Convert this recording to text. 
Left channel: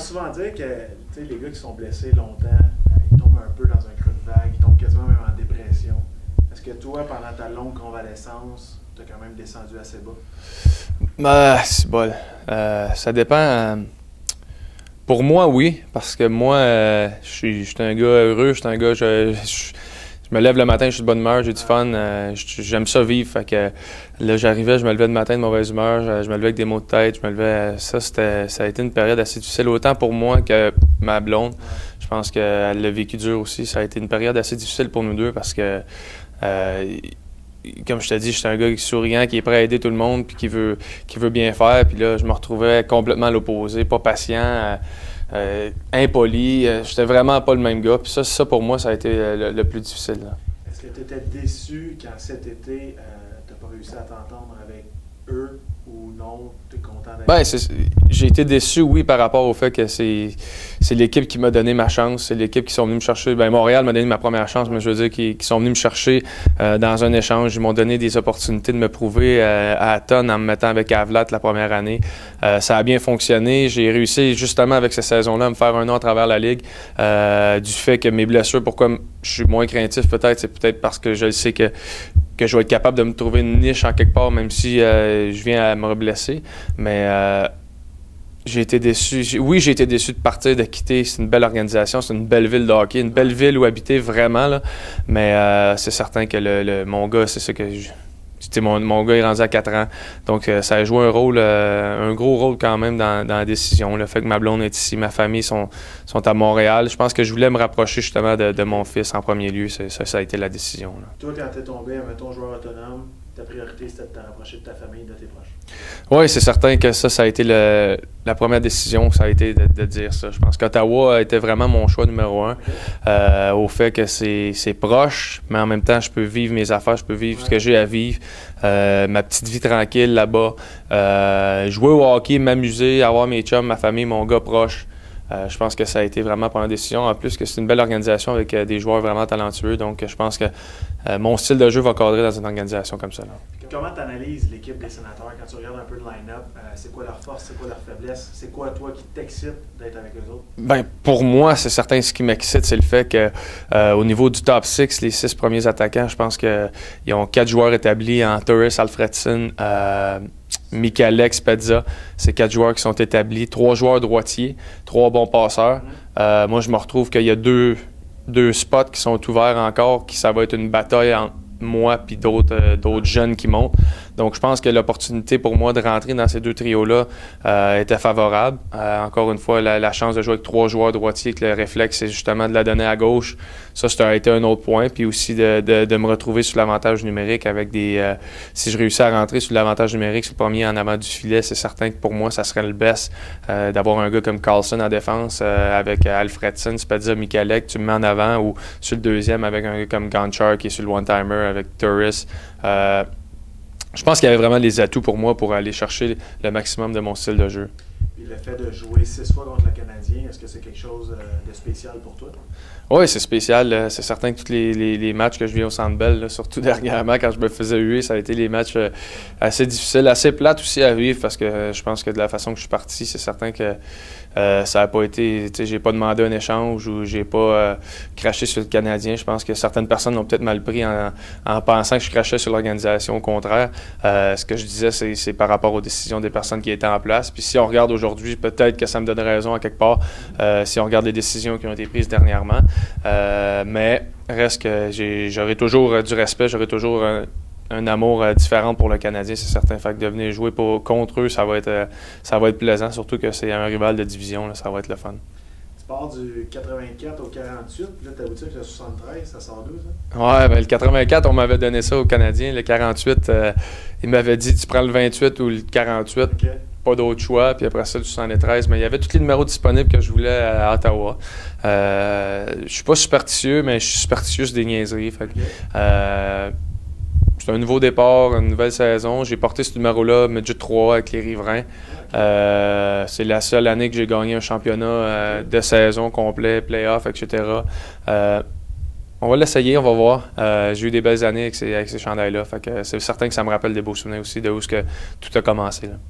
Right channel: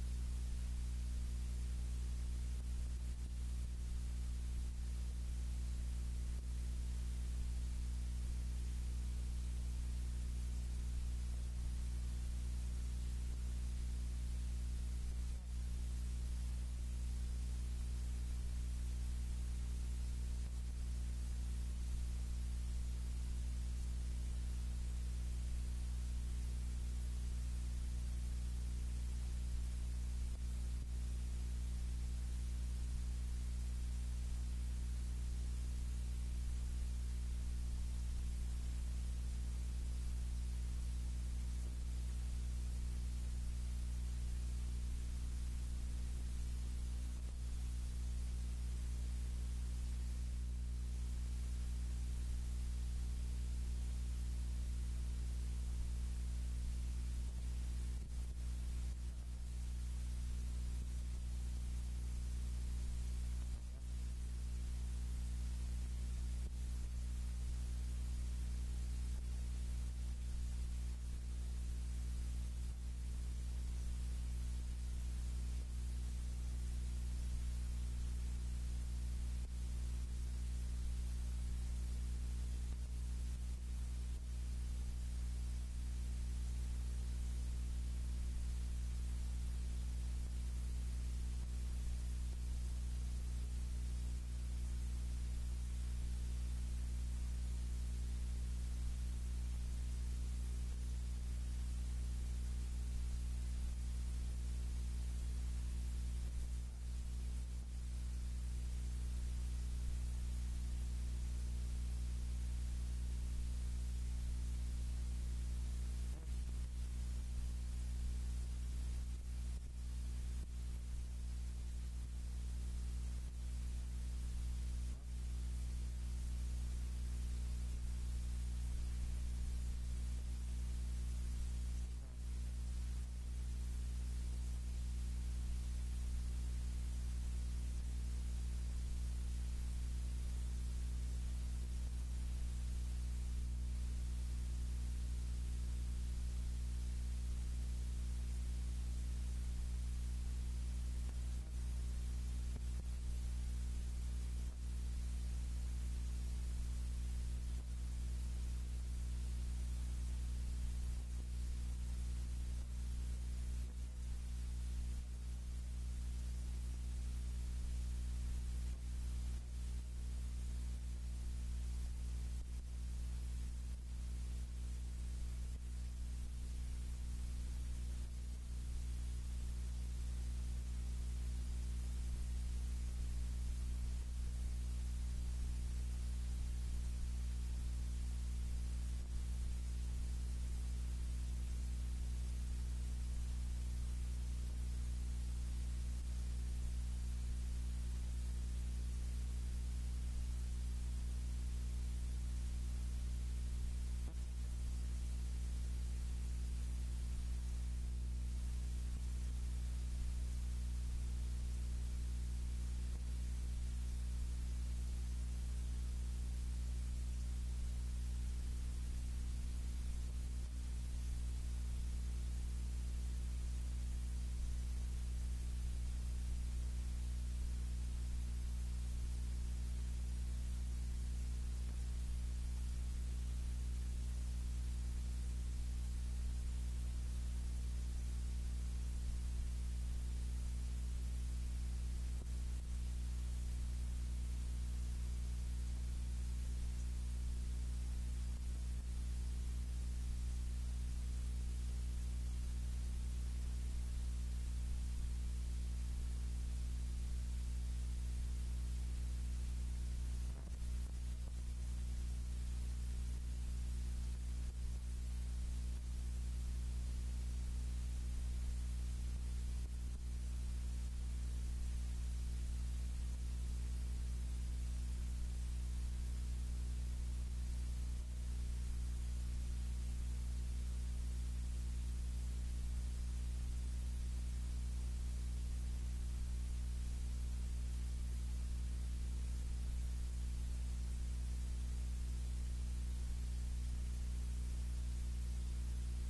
souvent dire que les gars qui sont blessés longtemps, ils tombent un peu dans un creux de vague, ils tombent quasiment même en dépression. Est-ce que toi, pendant ta longue convalescence, tu as quand même descendu assez bas? C'est bol. Ça dépend. Pour moi, oui, parce que moi, je suis un gars heureux, je suis un gars, je me lève le matin, je suis de bonne humeur, j'ai du fun, j'aime ça vivre. Fait que là, j'arrivais, je me levais le matin de mauvaise humeur, je me levais avec des maux de tête, je me levais. Ça a été une période assez difficile, autant pour moi que ma blonde. Je pense qu'elle l'a vécu dur aussi. Ça a été une période assez difficile pour nous deux parce que, comme je te dis, je suis un gars souriant, qui est prêt à aider tout le monde puis qui veut bien faire. Puis là, je me retrouvais complètement à l'opposé, pas patient. Impoli, j'étais vraiment pas le même gars. Puis ça pour moi, ça a été le plus difficile. Est-ce que tu étais déçu quand cet été, tu n'as pas réussi à t'entendre avec eux ou non? Tu es content d'être j'ai été déçu, oui, par rapport au fait que c'est l'équipe qui m'a donné ma chance. C'est l'équipe qui sont venus me chercher. Montréal m'a donné ma première chance, mais je veux dire qui sont venus me chercher dans un échange. Ils m'ont donné des opportunités de me prouver à tonnes en me mettant avec Avlat la première année. Ça a bien fonctionné. J'ai réussi justement avec cette saison-là à me faire un nom à travers la Ligue. Du fait que mes blessures, pourquoi je suis moins craintif peut-être, c'est peut-être parce que je sais que je vais être capable de me trouver une niche en quelque part, même si je viens à me reblesser. Mais j'ai été déçu. Oui, j'ai été déçu de partir, de quitter. C'est une belle organisation, c'est une belle ville de hockey, une belle ville où habiter vraiment. Là. Mais c'est certain que mon gars, c'est ça que mon gars est rendu à 4 ans. Donc, ça a joué un gros rôle quand même dans la décision. Le fait que ma blonde est ici, ma famille sont à Montréal. Je pense que je voulais me rapprocher justement de mon fils en premier lieu. Ça a été la décision. Là. Toi, quand tu es tombé, mettons, joueur autonome, ta priorité, c'était de te rapprocher de ta famille, de tes proches. Oui, c'est certain que ça a été la première décision, ça a été de dire ça. Je pense qu'Ottawa était vraiment mon choix numéro 1, au fait que c'est proche, mais en même temps, je peux vivre mes affaires, je peux vivre ce que j'ai à vivre, ma petite vie tranquille là-bas, jouer au hockey, m'amuser, avoir mes chums, ma famille, mon gars proche. Je pense que ça a été vraiment la première décision. En plus, que c'est une belle organisation avec des joueurs vraiment talentueux. Donc, je pense que mon style de jeu va cadrer dans une organisation comme ça. Là. Comment tu analyses l'équipe des Sénateurs quand tu regardes un peu le line-up? C'est quoi leur force, c'est quoi leur faiblesse? C'est quoi, toi, qui t'excite d'être avec eux autres? Pour moi, c'est certain, ce qui m'excite, c'est le fait qu'au niveau du top 6, les 6 premiers attaquants, je pense qu'ils ont 4 joueurs établis en Torres, Alfredson, Michalek, Spezza. C'est 4 joueurs qui sont établis. 3 joueurs droitiers, 3 bons passeurs. Moi, je me retrouve qu'il y a deux spots qui sont ouverts encore, ça va être une bataille entre moi et d'autres jeunes qui montent. Donc, je pense que l'opportunité pour moi de rentrer dans ces 2 trios-là était favorable. Encore une fois, la chance de jouer avec 3 joueurs droitiers, que le réflexe, c'est justement de la donner à gauche. Ça a été un autre point. Puis aussi de me retrouver sur l'avantage numérique avec si je réussis à rentrer sur l'avantage numérique, sur le premier en avant du filet, c'est certain que pour moi, ça serait le best d'avoir un gars comme Carlson en défense avec Alfredson, Spezza, Michalek, tu me mets en avant, ou sur le deuxième avec un gars comme Gonchar qui est sur le one-timer avec Torres. Je pense qu'il y avait vraiment les atouts pour moi pour aller chercher le maximum de mon style de jeu. Et le fait de jouer 6 fois contre le Canadien, est-ce que c'est quelque chose de spécial pour toi? Oui, c'est spécial. C'est certain que tous les matchs que je vis au Centre Bell, surtout dernièrement, quand je me faisais huer, ça a été les matchs assez difficiles, assez plates aussi à vivre, parce que je pense que de la façon que je suis parti, c'est certain que ça n'a pas été... J'ai pas demandé un échange ou j'ai pas craché sur le Canadien. Je pense que certaines personnes l'ont peut-être mal pris en pensant que je crachais sur l'organisation. Au contraire, ce que je disais, c'est par rapport aux décisions des personnes qui étaient en place. Puis si on regarde aujourd'hui, peut-être que ça me donne raison à quelque part, si on regarde les décisions qui ont été prises dernièrement. Mais reste que j'aurai toujours du respect, j'aurai toujours un amour différent pour le Canadien, c'est certain. Fait que de venir jouer contre eux, ça va être plaisant, surtout que c'est un rival de division, là, ça va être le fun. Tu pars du 84 au 48, puis là, tu aboutis avec le 73, ça sort d'où, ça? Ouais, le 84, on m'avait donné ça aux Canadiens. Le 48, il m'avait dit, tu prends le 28 ou le 48. Okay. Pas d'autre choix, puis après ça, du 73. Mais il y avait tous les numéros disponibles que je voulais à Ottawa. Je suis pas superstitieux, mais je suis superstitieux sur des niaiseries. Fait que, c'est un nouveau départ, une nouvelle saison. J'ai porté ce numéro-là, Midget 3 avec les Riverains. C'est la seule année que j'ai gagné un championnat de saison complet, playoff, etc. On va l'essayer, on va voir. J'ai eu des belles années avec ces chandails-là. Fait que c'est certain que ça me rappelle des beaux souvenirs aussi de où tout a commencé. Là.